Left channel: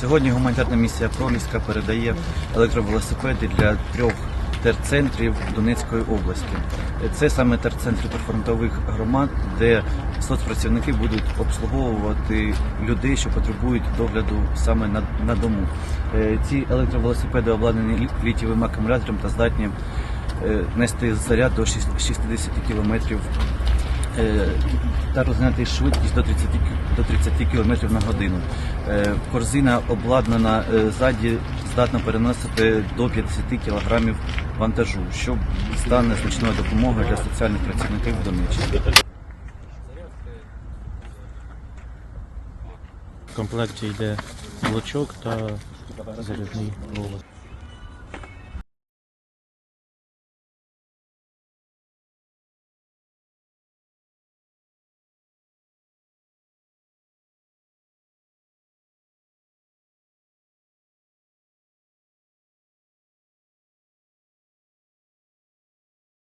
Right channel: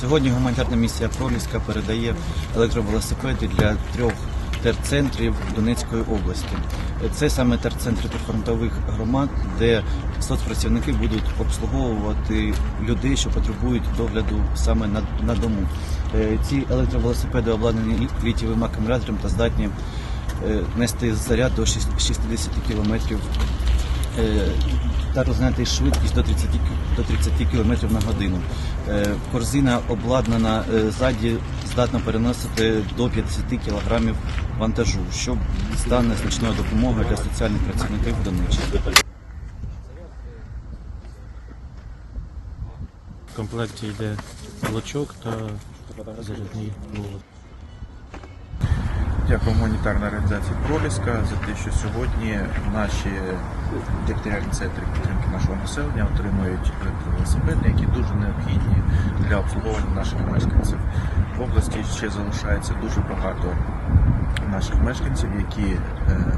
Сьогодні гуманітарна місія Проліска передає електровелосипеди для трьох терцентрів Донецької області. Це саме терцентри прифронтових громад, де соцпрацівники будуть обслуговувати людей, що потребують догляду саме на, на дому. Е, Ці електровелосипеди обладнані лі- літієвим акумулятором та здатні е, нести заряд до 60 км та розганяти швидкість до 30, до 30 км на годину. Е, Корзина обладнана е, ззаді, здатна переносити до 50 кг вантажу, що стане значною допомогою для соціальних працівників в Донеччині. В комплекті йде молочок та зарядний голос. Дякую гуманітарній організації Проліска за те, що сьогодні наші територіальні центри підтримки нашого населення отримують електровелосипеди, які дуже необхідні для обслуговування наших мешканців. В області ще залишається дуже багато наших мешканців, які е,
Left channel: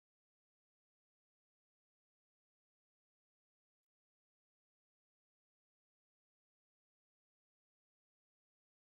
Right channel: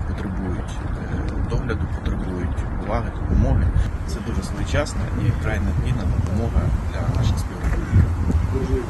потребують е, догляду, потребують уваги, допомоги. Це дуже своєчасна і вкрай необхідна допомога для наших співробітників.